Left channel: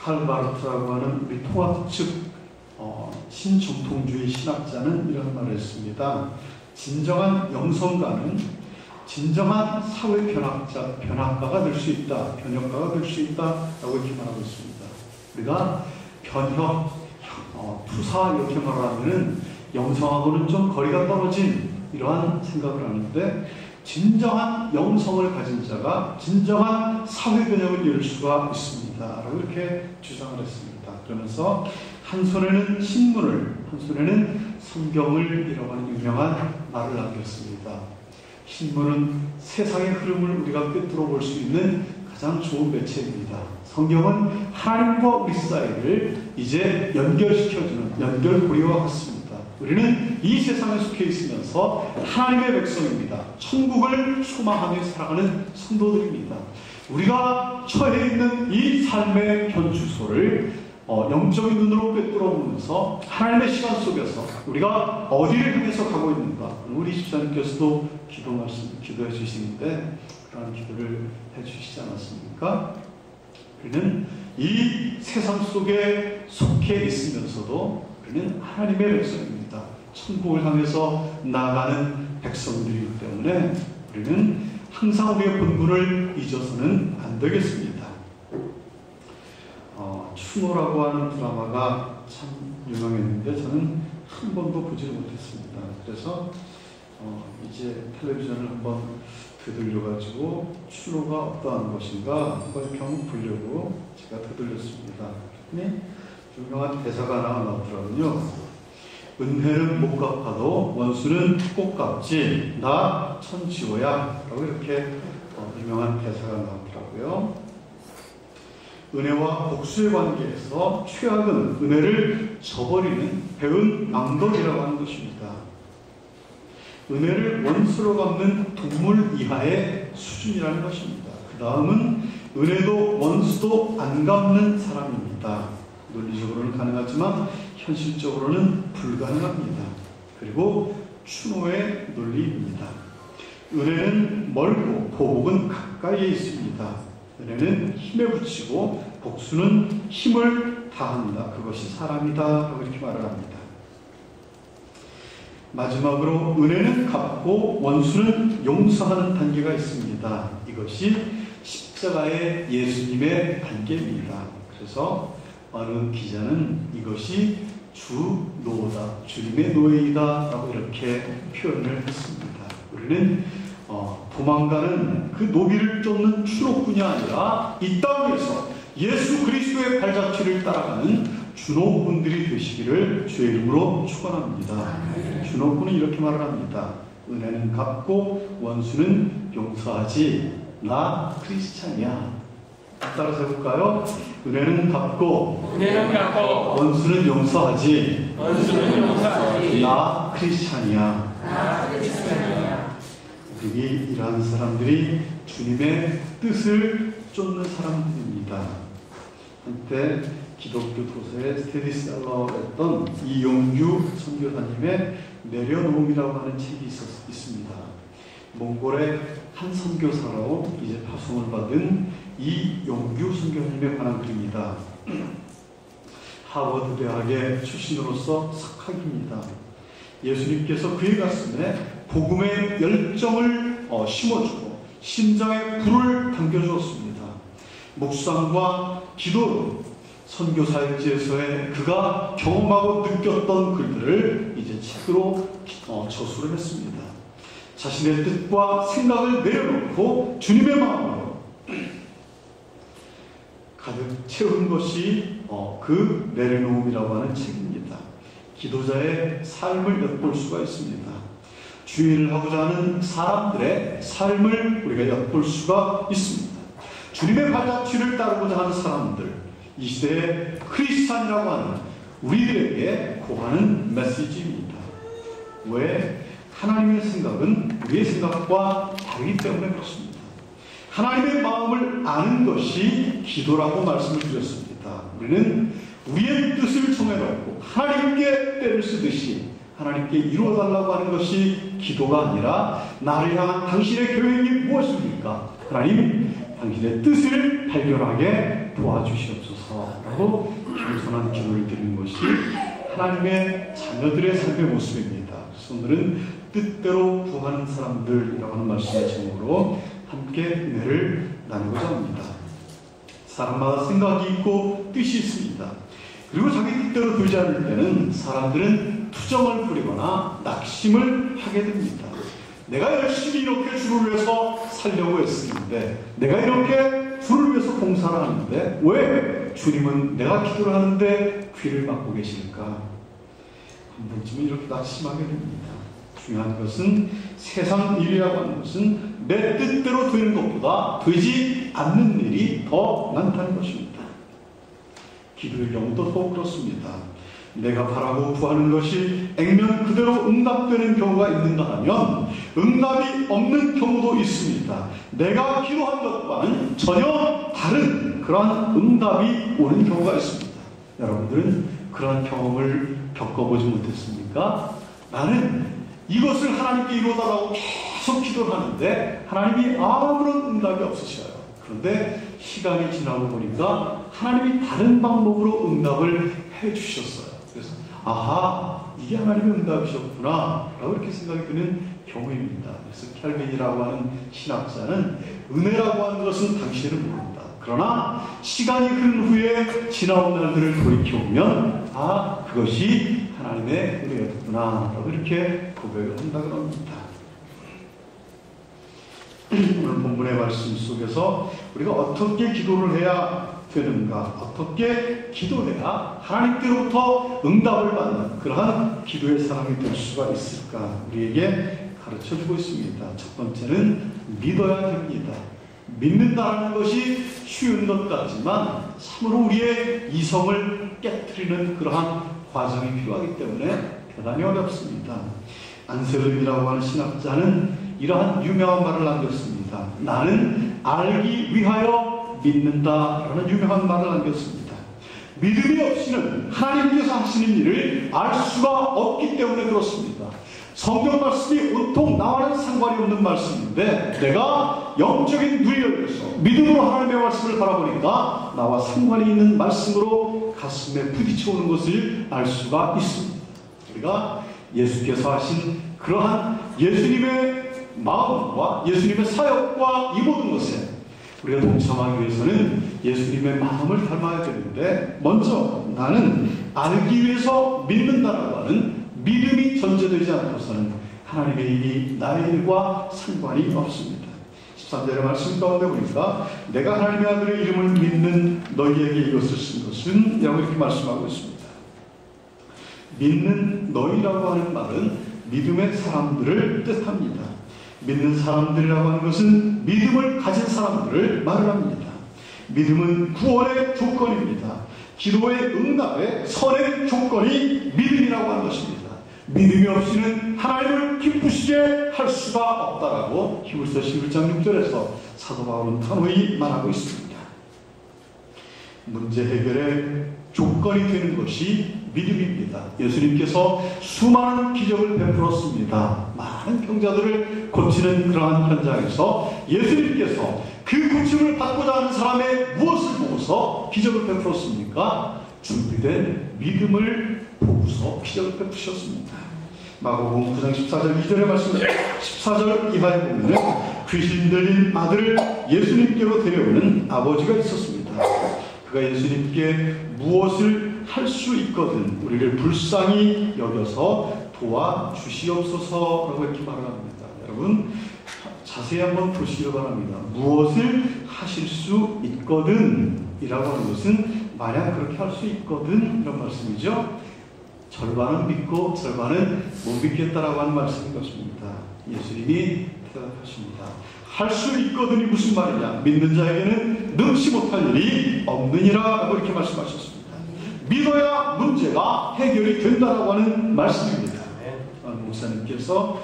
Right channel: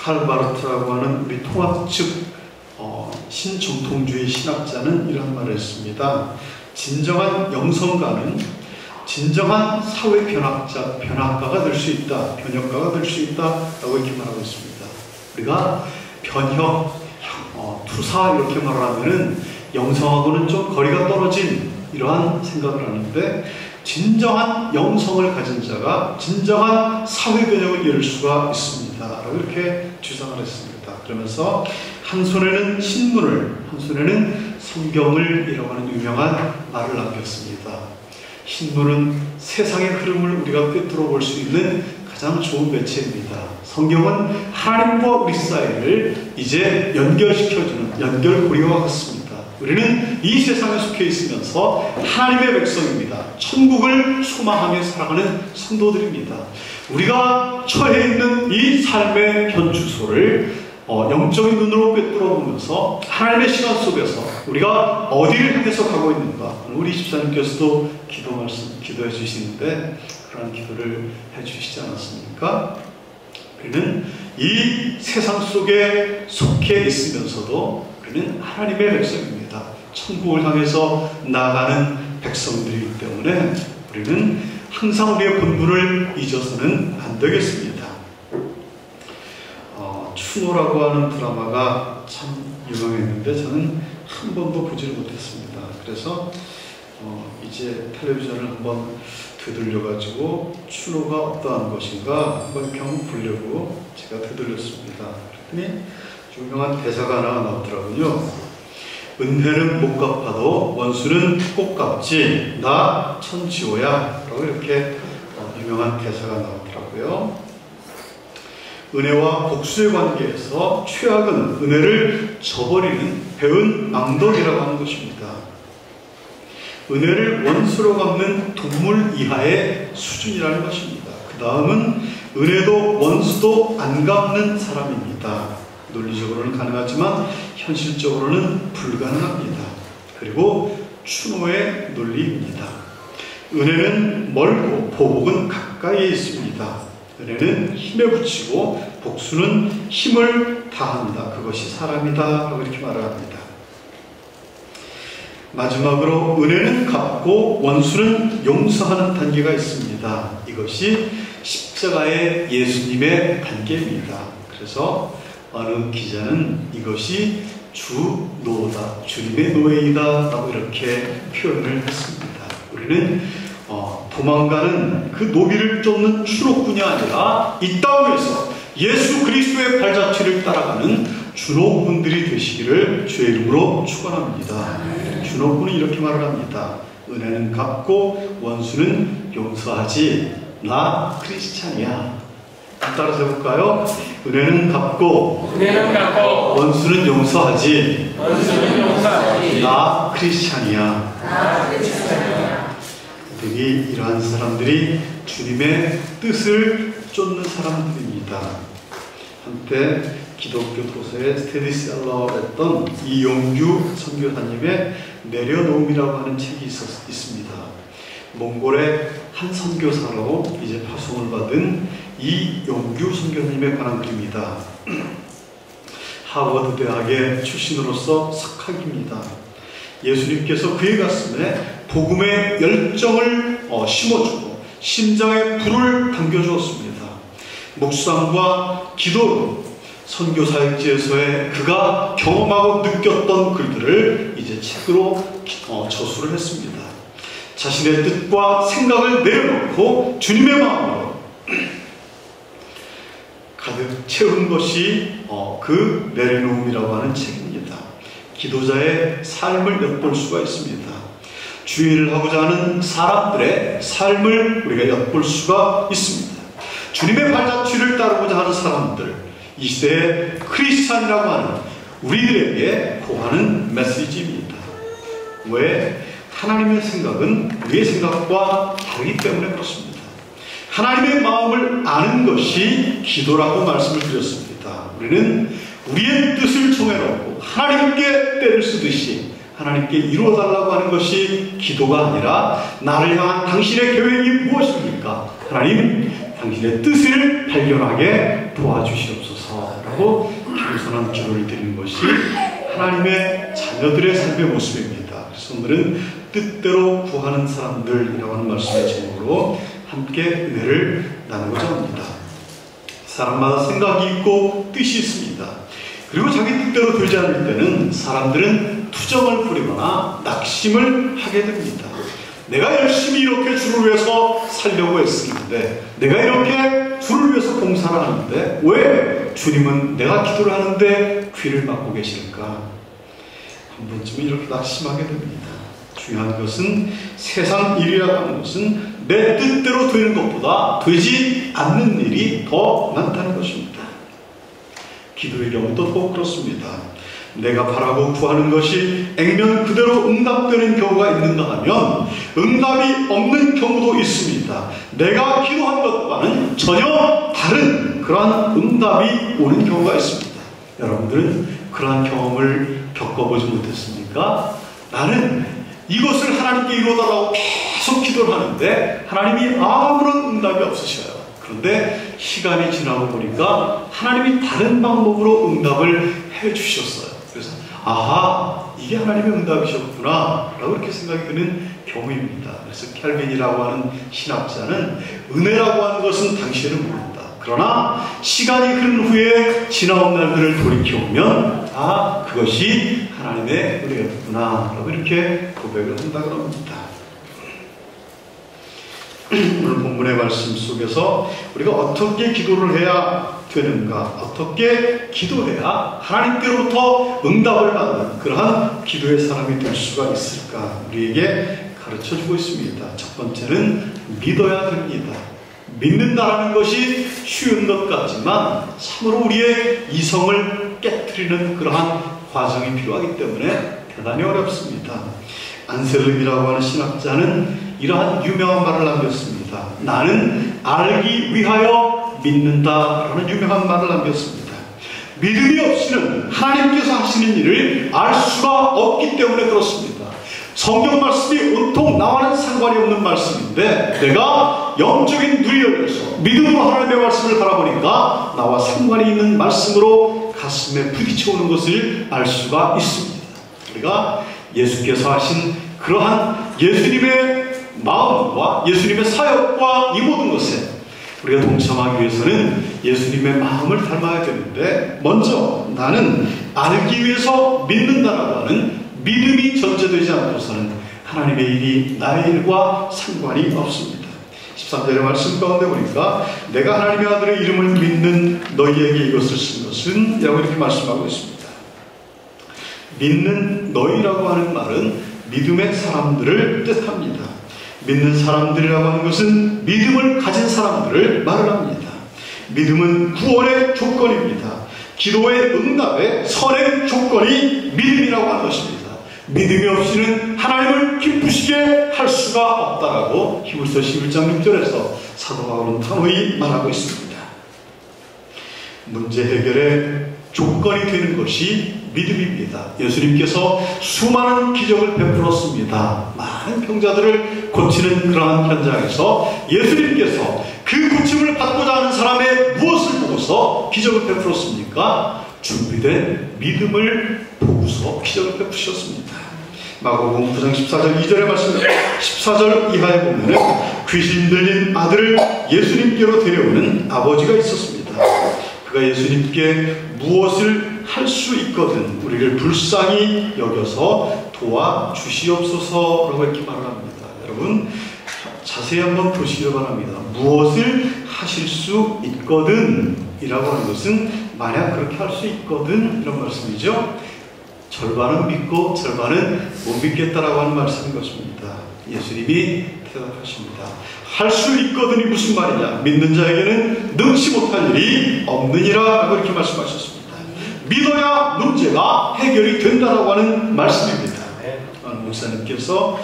칼 바르트라고 하는 우리 통합 측 신정통주의 신학자는 이런 말을 했습니다. 진정한 영성가는 진정한 사회 변학가가 될 수 있다, 변혁가가 될 수 있다라고 이렇게 말하고 있습니다. 우리가 변혁, 투사 이렇게 말을 하면은 영성하고는 좀 거리가 떨어진 이러한 생각을 하는데, 진정한 영성을 가진 자가 진정한 사회 변혁을 이룰 수가 있습니다 라고 이렇게 주장을 했습니다. 그러면서 한 손에는 신문을, 한 손에는 성경을 이라고 하는 유명한 말을 남겼습니다. 신문은 세상의 흐름을 우리가 꿰뚫어 볼 수 있는 가장 좋은 매체입니다. 성경은 하나님과 우리 사이를 이제 연결시켜주는 연결고리와 같습니다. 우리는 이 세상에 속해 있으면서 하나님의 백성입니다. 천국을 소망하며 살아가는 성도들입니다. 우리가 처해 있는 이 삶의 현주소를 영적인 눈으로 꿰뚫어 보면서 하나님의 시간 속에서 우리가 어디를 향해서 가고 있는가, 우리 집사님께서도 기도해 주시는데 그런 기도를 해 주시지 않았습니까? 우리는 이 세상 속에 속해 있으면서도 우리는 하나님의 백성입니다. 천국을 향해서 나아가는 백성들이기 때문에 우리는 항상 우리의 본분을 잊어서는 안 되겠습니다. 추노라고 하는 드라마가 참 유명했는데 저는 한 번도 보지를 못했습니다. 그래서 이제 텔레비전을 한번 되돌려가지고 추노가 어떠한 것인가 한번 이렇게 한번 보려고 제가 되돌렸습니다. 그랬더니 유명한 대사가 하나 나오더라고요. 은혜는 못 갚아도 원수는 꼭 갚지, 나 천지호야 라고 이렇게 유명한 대사가 나오더라고요. 은혜와 복수의 관계에서 최악은 은혜를 저버리는 배은 앙덕이라고 하는 것입니다. 은혜를 원수로 갚는 동물 이하의 수준이라는 것입니다. 그 다음은 은혜도 원수도 안 갚는 사람입니다. 논리적으로는 가능하지만 현실적으로는 불가능합니다. 그리고 추노의 논리입니다. 은혜는 멀고 보복은 가까이에 있습니다. 은혜는 힘에 붙이고 복수는 힘을 다한다. 그것이 사람이다 라고 이렇게 말을 합니다. 마지막으로 은혜는 갚고 원수는 용서하는 단계가 있습니다. 이것이 십자가의 예수님의 단계입니다. 그래서 어느 기자는 이것이 주노다, 주님의 노예이다 라고 이렇게 표현을 했습니다. 우리는 도망가는 그 노비를 쫓는 추노꾼이 아니라 이 땅에서 예수 그리스도의 발자취를 따라가는 주노꾼들이 되시기를 주의 이름으로 축원합니다. 주노꾼은 이렇게 말을 합니다. 은혜는 갚고 원수는 용서하지, 나 크리스찬이야. 따라서 해볼까요? 은혜는 갚고 원수는 용서하지, 나 크리스찬이야. 되게 이러한 사람들이 주님의 뜻을 쫓는 사람들입니다. 한때 기독교 도서에 스테디셀러였던 이용규 선교사님의 내려놓음이라고 하는 책이 있습니다. 몽골의 한 선교사로 이제 파송을 받은 이용규 선교사님에 관한 글입니다. 하버드 대학의 출신으로서 석학입니다. 예수님께서 그의 가슴에 복음의 열정을 심어주고 심장에 불을 당겨주었습니다. 묵상과 기도로 선교사역지에서의 그가 경험하고 느꼈던 글들을 이제 책으로 저술을 했습니다. 자신의 뜻과 생각을 내려놓고 주님의 마음으로 가득 채운 것이 그 내려놓음이라고 하는 책입니다. 기도자의 삶을 엿볼 수가 있습니다. 주의를 하고자 하는 사람들의 삶을 우리가 엿볼 수가 있습니다. 주님의 발자취를 따르고자 하는 사람들, 이 시대의 크리스찬이라고 하는 우리들에게 고하는 메시지입니다. 왜? 하나님의 생각은 우리의 생각과 다르기 때문에 그렇습니다. 하나님의 마음을 아는 것이 기도라고 말씀을 드렸습니다. 우리는 우리의 뜻을 정해놓고 하나님께 때를 쓰듯이 하나님께 이루어달라고 하는 것이 기도가 아니라 나를 향한 당신의 계획이 무엇입니까? 하나님, 당신의 뜻을 발견하게 도와주시옵소서라고 겸손한 기도를 드리는 것이 하나님의 자녀들의 삶의 모습입니다. 그래서 오늘은 뜻대로 구하는 사람들이라고 하는 말씀의 제목으로 함께 은혜를 나누고자 합니다. 사람마다 생각이 있고 뜻이 있습니다. 그리고 자기 뜻대로 되지 않을 때는 사람들은 투정을 부리거나 낙심을 하게 됩니다. 내가 열심히 이렇게 주를 위해서 살려고 했었는데, 내가 이렇게 주를 위해서 봉사를 하는데 왜 주님은 내가 기도를 하는데 귀를 막고 계실까? 한 번쯤은 이렇게 낙심하게 됩니다. 중요한 것은 세상 일이라고 하는 것은 내 뜻대로 되는 것보다 되지 않는 일이 더 많다는 것입니다. 기도의 경우도 더욱 그렇습니다. 내가 바라고 구하는 것이 액면 그대로 응답되는 경우가 있는가 하면 응답이 없는 경우도 있습니다. 내가 기도한 것과는 전혀 다른 그러한 응답이 오는 경우가 있습니다. 여러분들은 그러한 경험을 겪어보지 못했습니까? 나는 이것을 하나님께 이루어달라고 계속 기도를 하는데 하나님이 아무런 응답이 없으셔요. 그런데 시간이 지나고 보니까 하나님이 다른 방법으로 응답을 해주셨어요. 그래서 아하, 이게 하나님의 응답이셨구나 라고 이렇게 생각이 드는 경우입니다. 그래서 켈빈이라고 하는 신학자는 은혜라고 하는 것은 당신을 모른다. 그러나 시간이 흐른 후에 지나온 날들을 돌이켜보면 아, 그것이 하나님의 은혜였구나 라고 이렇게 고백을 한다고 합니다. 오늘 본문의 말씀 속에서 우리가 어떻게 기도를 해야 되는가, 어떻게 기도해야 하나님께로부터 응답을 받는 그러한 기도의 사람이 될 수가 있을까 우리에게 가르쳐주고 있습니다. 첫 번째는 믿어야 됩니다. 믿는다라는 것이 쉬운 것 같지만 참으로 우리의 이성을 깨트리는 그러한 과정이 필요하기 때문에 대단히 어렵습니다. 안셀름이라고 하는 신학자는 이러한 유명한 말을 남겼습니다. 나는 알기 위하여 믿는다라는 유명한 말을 남겼습니다. 믿음이 없이는 하나님께서 하시는 일을 알 수가 없기 때문에 그렇습니다. 성경 말씀이 온통 나와는 상관이 없는 말씀인데 내가 영적인 눈이 열려서 믿음으로 하나님의 말씀을 바라보니까 나와 상관이 있는 말씀으로 가슴에 부딪혀오는 것을 알 수가 있습니다. 우리가 예수께서 하신 그러한 예수님의 마음과 예수님의 사역과 이 모든 것에 우리가 동참하기 위해서는 예수님의 마음을 닮아야 되는데 먼저 나는 알기 위해서 믿는다라고 하는 믿음이 전제되지 않고서는 하나님의 일이 나의 일과 상관이 없습니다. 13절의 말씀 가운데 보니까 내가 하나님의 아들의 이름을 믿는 너희에게 이것을 쓴 것은 라고 이렇게 말씀하고 있습니다. 믿는 너희라고 하는 말은 믿음의 사람들을 뜻합니다. 믿는 사람들이라고 하는 것은 믿음을 가진 사람들을 말을 합니다. 믿음은 구원의 조건입니다. 기도의 응답의 선행 조건이 믿음이라고 하는 것입니다. 믿음이 없이는 하나님을 기쁘시게 할 수가 없다라고 히브리서 11장 6절에서 사도 바울은 단호히 말하고 있습니다. 문제 해결의 조건이 되는 것이 믿음입니다. 예수님께서 수많은 기적을 베풀었습니다. 많은 병자들을 고치는 그러한 현장에서 예수님께서 그 고침을 받고자 하는 사람의 무엇을 보고서 기적을 베풀었습니까? 준비된 믿음을 보고서 기적을 베푸셨습니다. 마가복음 9장 14절 2절의 말씀 14절 이하에 보면 귀신 들린 아들을 예수님께로 데려오는 아버지가 있었습니다. 그가 예수님께 무엇을 할 수 있거든 우리를 불쌍히 여겨서 도와주시옵소서라고 이렇게 말을 합니다. 여러분 자세히 한번 보시기를 바랍니다. 무엇을 하실 수 있거든 이라고 하는 것은 만약 그렇게 할 수 있거든 이런 말씀이죠. 절반은 믿고 절반은 못 믿겠다라고 하는 말씀인 것입니다. 예수님이 대답하십니다. 할 수 있거든이 무슨 말이냐? 믿는 자에게는 능치 못할 일이 없느니라 라고 이렇게 말씀하셨습니다. 믿어야 문제가 해결이 된다라고 하는 말씀입니다. 목사님께서